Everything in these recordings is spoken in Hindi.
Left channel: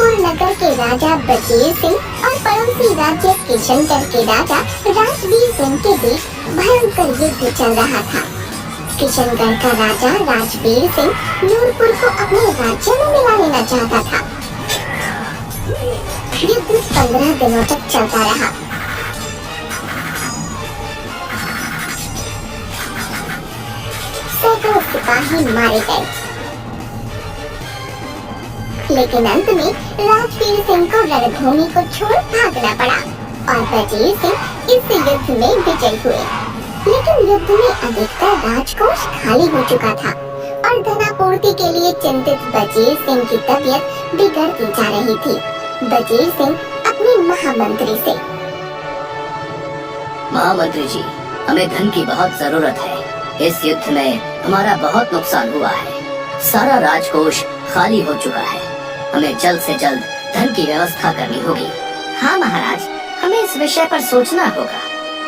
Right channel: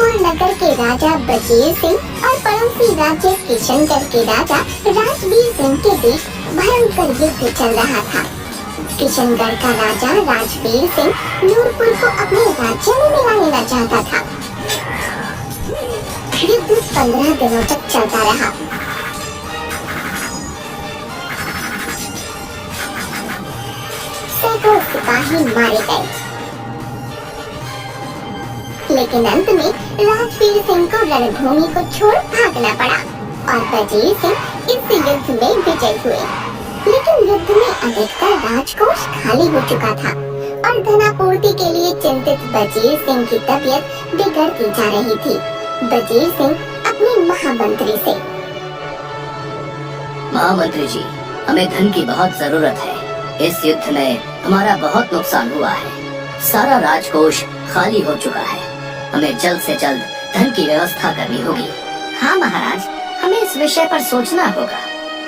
नूरपुर नगर के राजा बजीर सिंह और पड़ोसी राज्य किशनगढ़ के राजा राजबीर सिंह के बीच भयंकर युद्ध चल रहा था। किशनगढ़ का राजा राजबीर सिंह नूरपुर को अपने राज्य में मिला लेना चाहता था। युद्ध 15 दिनों तक चलता रहा। सैकड़ों सिपाही मारे गए, लेकिन अंत में राजबीर सिंह को रणभूमि को छोड़ भागना पड़ा और बजीर सिंह इस युद्ध में विजयी हुए। लेकिन युद्ध में अधिकतर राजकोष खाली हो चुका था और धनापूर्ति के लिए चिंतित बजीर सिंह की तबीयत बिगड़ती जा रही थी। बजीर सिंह अपने महामंत्री से, महामंत्री जी, हमें धन की बहुत जरूरत है। इस युद्ध में हमारा बहुत नुकसान हुआ है। सारा राजकोष खाली हो चुका है। हमें जल्द से जल्द धन की व्यवस्था करनी होगी। हाँ महाराज, हमें इस विषय पर सोचना होगा,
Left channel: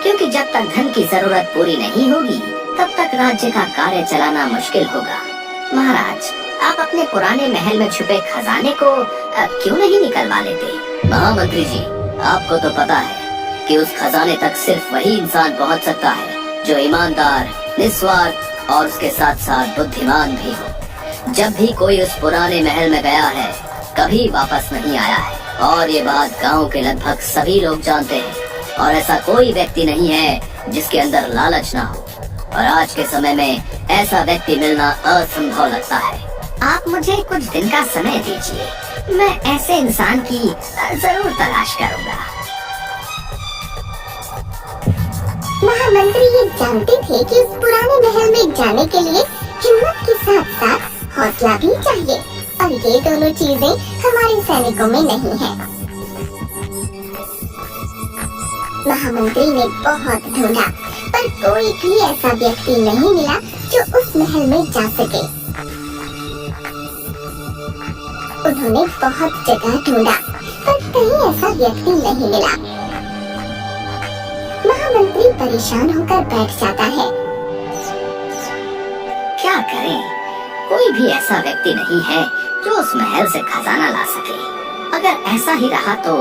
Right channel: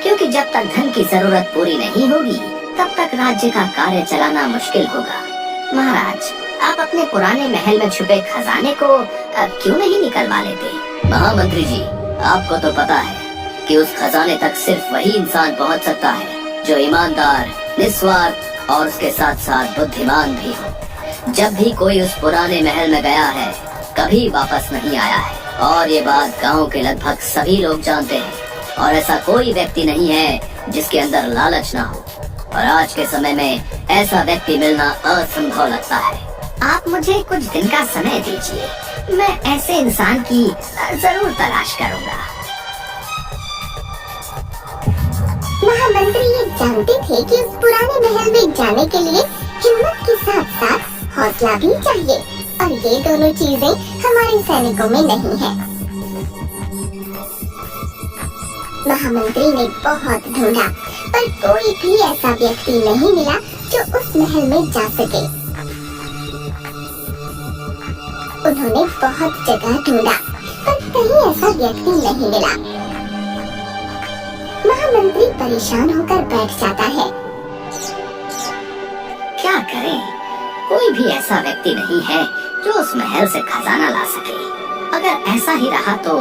क्योंकि जब तक धन की जरूरत पूरी नहीं होगी तब तक राज्य का कार्य चलाना मुश्किल होगा। महाराज, आप अपने पुराने महल में छुपे खजाने को क्यों नहीं निकलवा लेते? महामंत्री जी, आपको तो पता है कि उस खजाने तक सिर्फ वही इंसान पहुंच सकता है जो ईमानदार, निस्वार्थ और उसके साथ साथ बुद्धिमान भी हो। जब भी कोई उस पुराने महल में गया है, कभी वापस नहीं आया है और ये बात गांव के लगभग सभी लोग जानते हैं। और ऐसा कोई व्यक्ति नहीं है जिसके अंदर लालच ना हो, और आज के समय में ऐसा व्यक्ति मिलना असंभव लगता है। आप मुझे कुछ दिन का समय दीजिए, मैं ऐसे इंसान की जरूर तलाश करूंगा। महामंत्री ये जानते थे कि उस पुराने महल में जाने के लिए हिम्मत के साथ साथ हौसला भी चाहिए, और ये दोनों चीजें हमारे सैनिकों में नहीं है। महामंत्री ने बहुत ढूंढा, पर कोई भी ऐसा व्यक्ति नहीं मिला जो उस महल में जा सके। उन्होंने बहुत जगह ढूंढा, पर कहीं ऐसा व्यक्ति नहीं मिला। महामंत्री परेशान होकर बैठ जाता है। क्या करें? कोई भी ऐसा व्यक्ति नहीं है जो उस महल से खजाना ला सके। अगर ऐसा ही रहा तो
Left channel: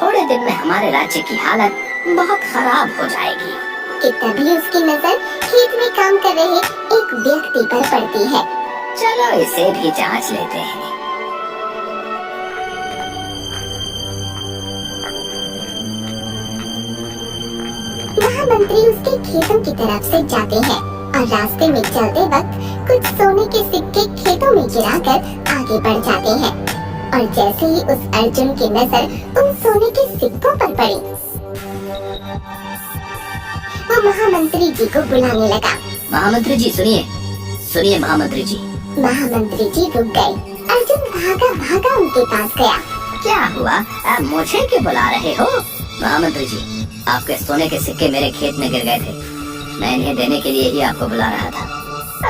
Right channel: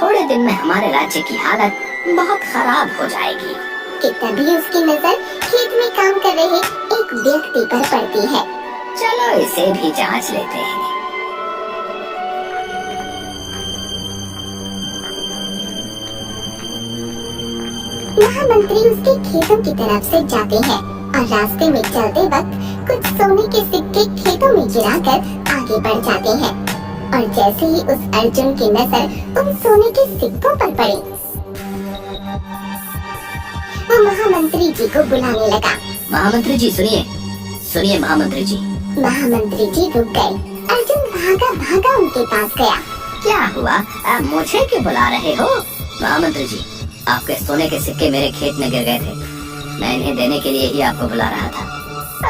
थोड़े दिन में हमारे राज्य की हालत बहुत खराब हो जाएगी। कि तभी उसकी नजर खेत में काम कर रहे एक व्यक्ति पर पड़ती है। चलो इसे भी जांच लेते हैं। महामंत्री उसके खेतों की तरफ से जाते हैं और रास्ते में चलते वक्त कुछ सोने के सिक्के खेतों में गिराकर आगे बढ़ जाते हैं। और जैसे ही उस अर्जुन की नजर उन सोने के सिक्कों पर पड़ी, वो महामंत्री जी को बुलाने लगा। महामंत्री जी सुनिए, सुनिए महामंत्री जी। महामंत्री जी रुक गए। अर्जुन भागा भागा उनके पास गया। क्या हुआ? मुझे क्यों बुला रहे हो? महामंत्री जी, आपके सोने के सिक्के मेरे खेत में गिर गए थे। मैं इन्हें देने के लिए ही आपको बुला रहा था।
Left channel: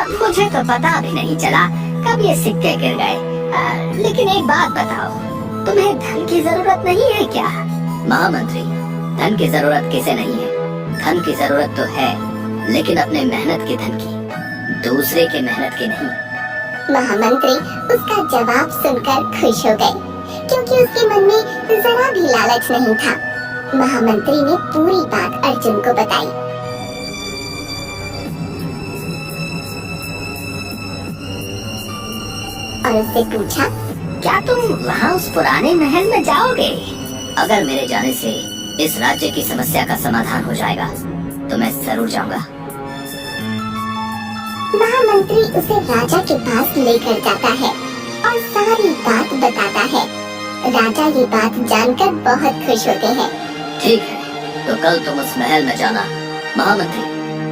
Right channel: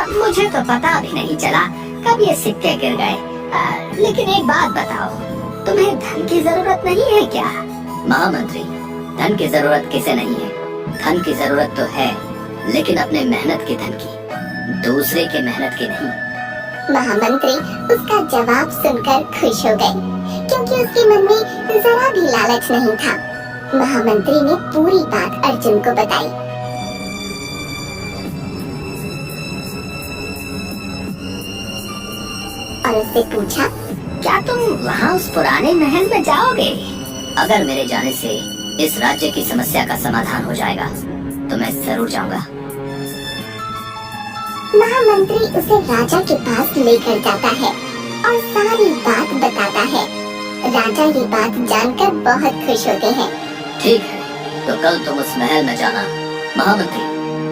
मुझे तो पता भी नहीं चला कब ये सिक्के गिर गए। लेकिन एक बात बताओ, तुम्हें धन की जरूरत नहीं है क्या? महामंत्री, धन की जरूरत किसे नहीं है? धन की जरूरत तो है, लेकिन अपने मेहनत की धन की, दूसरे के मेहनत की नहीं। महामंत्री उसका जवाब सुनकर खुश हो गए, क्योंकि उसके मन में जरा भी लालच नहीं था। महामंत्री ने पूरी बात अर्जुन को बताई। और उससे पूछा, क्या तुम वहाँ उस पुराने महल में जाओगे? अगर मेरे जाने से इस राज्य की समस्या का समाधान हो जाएगा तो मैं जरूर जाऊंगा। महामंत्री उसे राजा के पास लेकर जाता है और सारी बात बताता है। राजा ये बात जानकर बहुत खुश होते हैं। ठीक है, तो कल तुम उस महल में जाना। महामंत्री,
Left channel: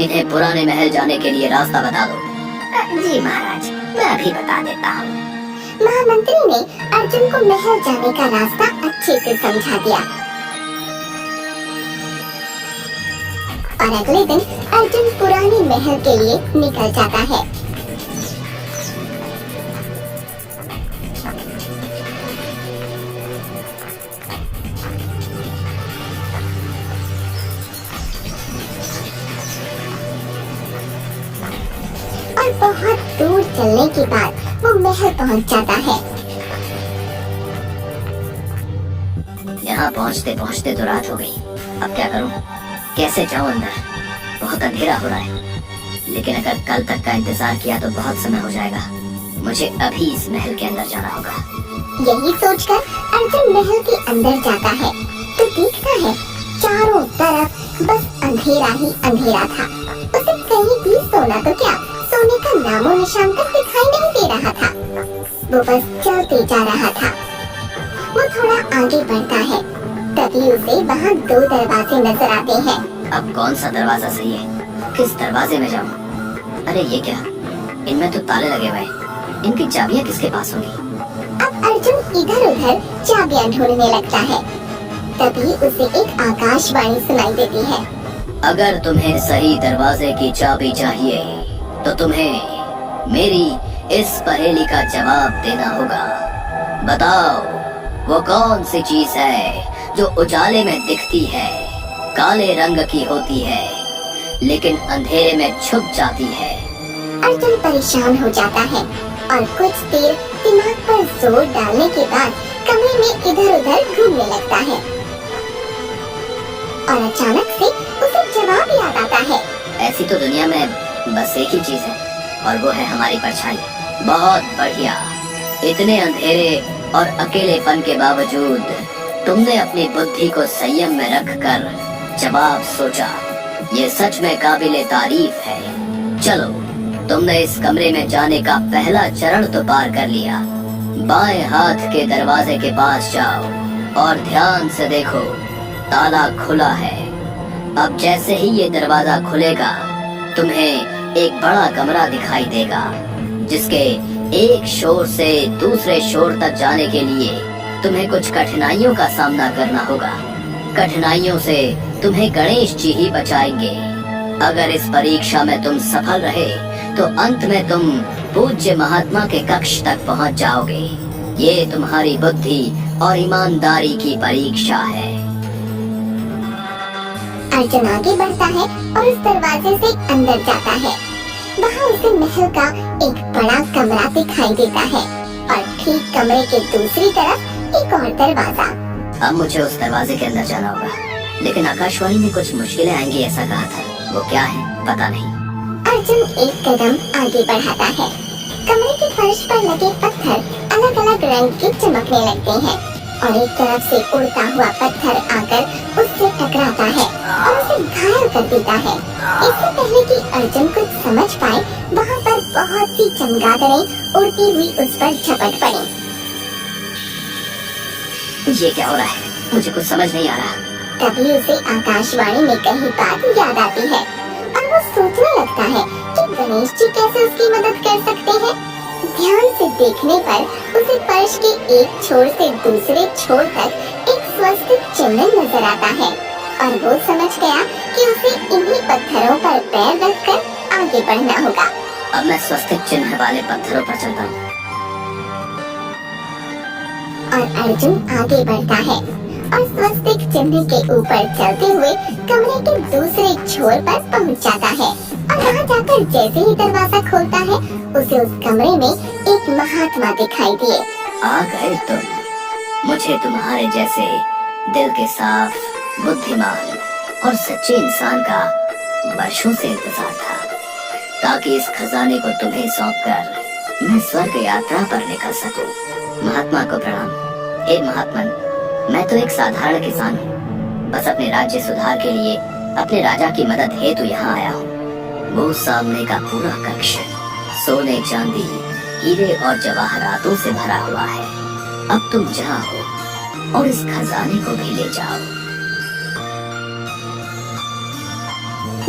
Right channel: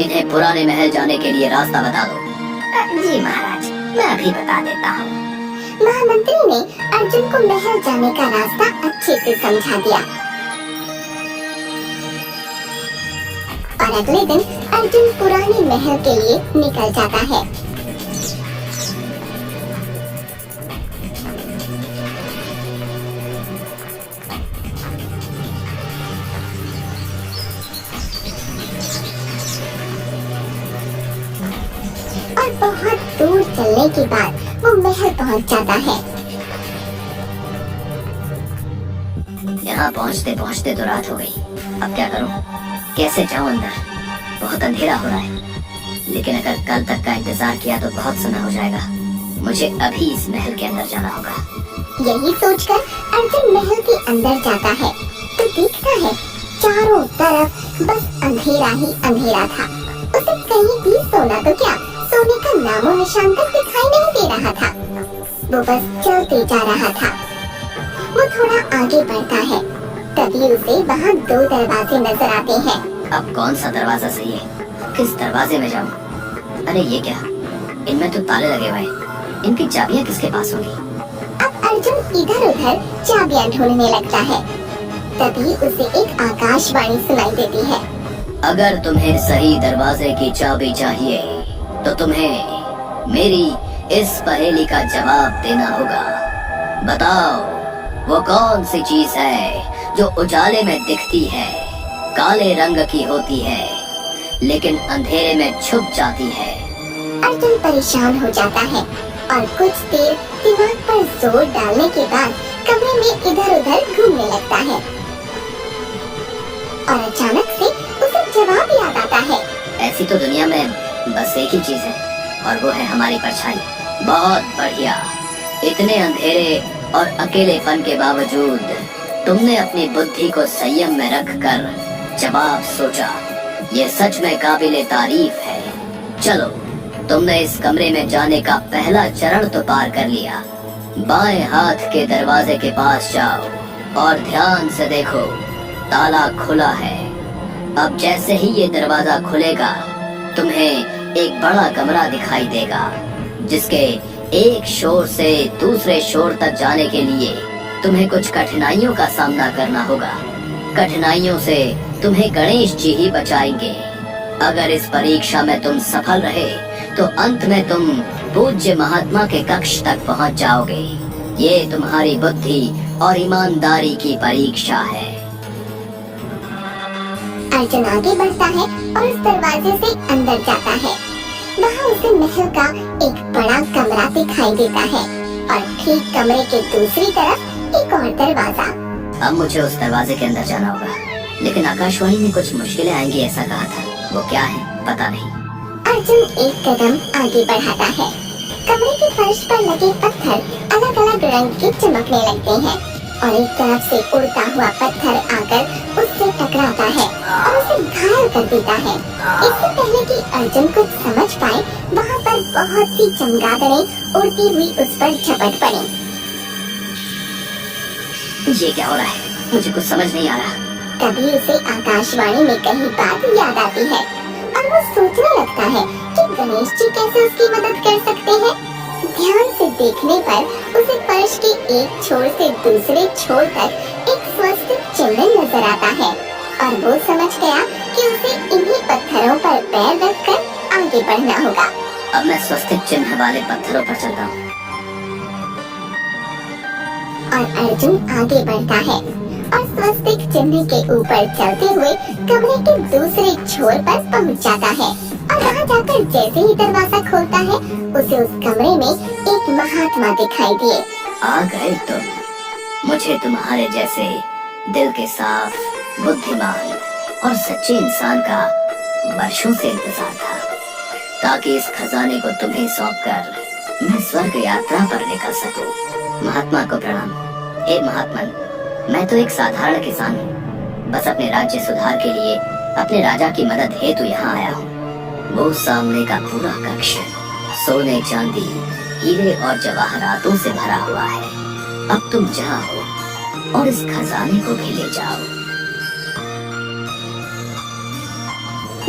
इन्हें पुराने महल जाने के लिए रास्ता बता दो। जी महाराज, मैं अभी बता देता हूँ। महामंत्री ने अर्जुन को महल जाने का रास्ता अच्छे से समझा दिया। और अगले दिन अर्जुन पुराने महल के लिए निकल जाता है। और बहुत दूर चलने के बाद वो महल पहुंच जाता है। यहाँ पहुँचते पहुँचते तो रात हो गई। अब क्या करूँ, कैसे जाऊँ अंदर? बहुत अंधेरा हो रहा है, लेकिन अगर कल तक का इंतजार किया तो बहुत समय हो जाएगा। मुझे अभी इस महल के अंदर जाना होगा। यही सोचकर अर्जुन महल के अंदर जाता है तो देखता है चारों तरफ बस अंधेरा ही अंधेरा था। उसे कहीं भी सोना तो क्या, सोने का नामो निशान तक दिखाई नहीं दे रहा था। वो बस चलते जा रहा था। वो थोड़ा आगे बढ़ता है, तभी उसे वहाँ 2 दरवाजे नजर आते हैं। अब कौन सा दरवाजा सही है, किस दरवाजे में जाऊँ? अरे ये क्या, इनमें तो ताले लगे हुए हैं, इनकी चाबियाँ किसके पास होंगी? अब अर्जुन इधर उधर चाबियां ढूंढने लगता है, तभी उसे एक आकाशवाणी सुनाई देती है। अगर तुम्हें सही दरवाजे की चाबी चाहिए तो तुम्हें मेरी इस पहेली का जवाब देना होगा। बताओ वो कौन सी चीज है जो उजाले में दिखती है, काले रंग की होती है, लेकिन अंधेरे में छुप जाती है? अर्जुन परेशान हो जाता है और कुछ देर दिमाग पर जोर डालने के बाद कमरे में इधर उधर घूमने लगता है और अचानक से उसे जवाब याद आता है। ऐसी तो दुनिया में बस एक ही चीज है और वो है हमारी परछाई। बहुत बढ़िया, इतने अंधेरे और अकेलेपन के बावजूद तुमने अपनी बुद्धि को संयम में रखकर जवाब सोचा। ये सच में काबिले तारीफ है। चलो, तुमने इस कमरे में जाने का पहला चरण तो पार कर लिया। बाएं हाथ के दरवाजे के पास जाओ और ध्यान से देखो, ताला खुला है। अब जैसे ही ये दरवाजा खुलेगा तुम्हें एक बड़ा कमरा दिखाई देगा, जिसके एक शोर से दूसरे शोर तक जाने के लिए तुम्हें कुछ कठिनाइयों का सामना करना होगा। कठिनाइयों से तुम्हें गणेश जी ही बचाएंगे। अगर इस परीक्षा में तुम सफल रहे तो अंत में तुम पूज्य महात्मा के कक्ष तक पहुंच जाओगे। ये तुम्हारी बुद्धि और ईमानदारी की परीक्षा है। अर्जुन आगे बढ़ता है और उस दरवाजे से अंदर जाता है। वहाँ उसे महल का एक बड़ा कमरा दिखाई देता है और ठीक कमरे के दूसरी तरफ एक और दरवाजा। अब मुझे उस दरवाजे के अंदर जाना होगा, लेकिन आकाशवाणी में कुछ मुश्किलें आएंगी ऐसा कहा था। वो क्या है पता नहीं। अर्जुन एक कदम आगे बढ़ाता है। कमरे के फर्श पर लगे पत्थर अलग अलग रंग के चमकने लगते हैं और एक तरफ से उड़ता हुआ पत्थर आकर उससे टकराता है और उसे घायल कर देता है। इससे पहले कि अर्जुन कुछ समझ पाए, वहाँ पर बहुत सी चमगादड़ें उड़ती हुई उस पर झपट पड़ी। ये क्या हो रहा है, मुझे कुछ समझ नहीं आ रहा। तभी उसे आकाशवाणी में कही बात याद आती है और वो सोचने लगता है कि गणेश जी कैसे उसकी मदद कर सकते हैं। ध्यान से देखने पर उसे फर्श के एक छोर से दूसरे छोर तक एक स्वस्तिक चिन्ह नजर आता है और वो समझ गया कि उसे इन्हीं पत्थरों पर पैर रखकर आगे बढ़ना होगा। अब मैं स्वस्तिक चिन्ह वाले पत्थरों पर चलता हूँ। और अर्जुन आगे बढ़ता है और स्वस्तिक चिन्ह के ऊपर चलते हुए कमरे के दूसरे छोर पर पहुंच जाता है और वहां जाकर जैसे ही दरवाजा खोलता है उसे उस कमरे में एक महात्मा दिखाई दिए। आ गए तुम। मुझे तुम्हारे जैसे दिल के साफ, बुद्धिमान और सच्चे इंसान का वर्षों से इंतजार था, ताकि इस खजाने को तुम्हें सौंपकर मैं स्वर्ग यात्रा पर निकल सकूं। महात्मा को प्रणाम। हे महात्मन, मैं तो एक साधारण किसान हूँ। बस अपने राज्य सुधार के लिए अपने राजा की मदद हेतु यहाँ आया हूँ। वो सामने का पूरा कक्ष सोने, चांदी, हीरे और जवाहरातों से भरा हुआ है। अब तुम जाओ और इस खजाने को भी ले जाओ।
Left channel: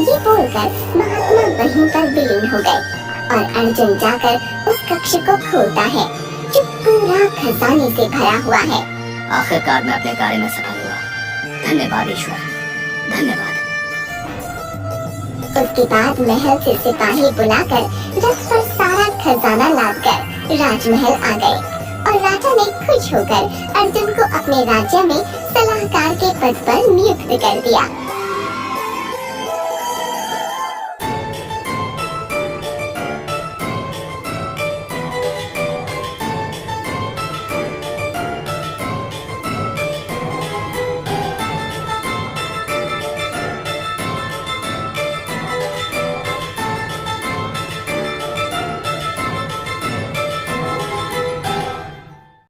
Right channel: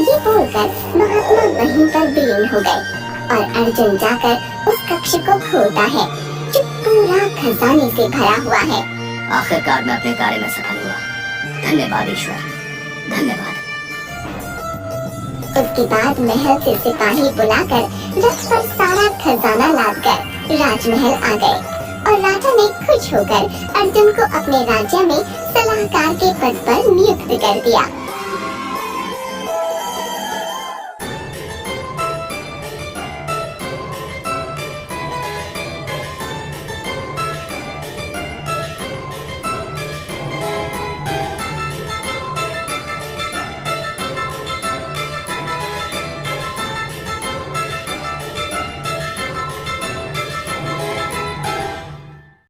ये बोलकर महात्मा वहीं पर विलीन हो गए और अर्जुन जाकर उस कक्ष को खोलता है जो पूरा खजाने से भरा हुआ है। आखिरकार मैं अपने कार्य में सफल हुआ। धन्यवाद ईश्वर, धन्यवाद। उसके बाद महल से सिपाही बुलाकर रथ पर सारा खजाना लादकर राजमहल आ गए और राजा ने खुश होकर अर्जुन को अपने राज्य में सलाहकार के पद पर नियुक्त कर दिया।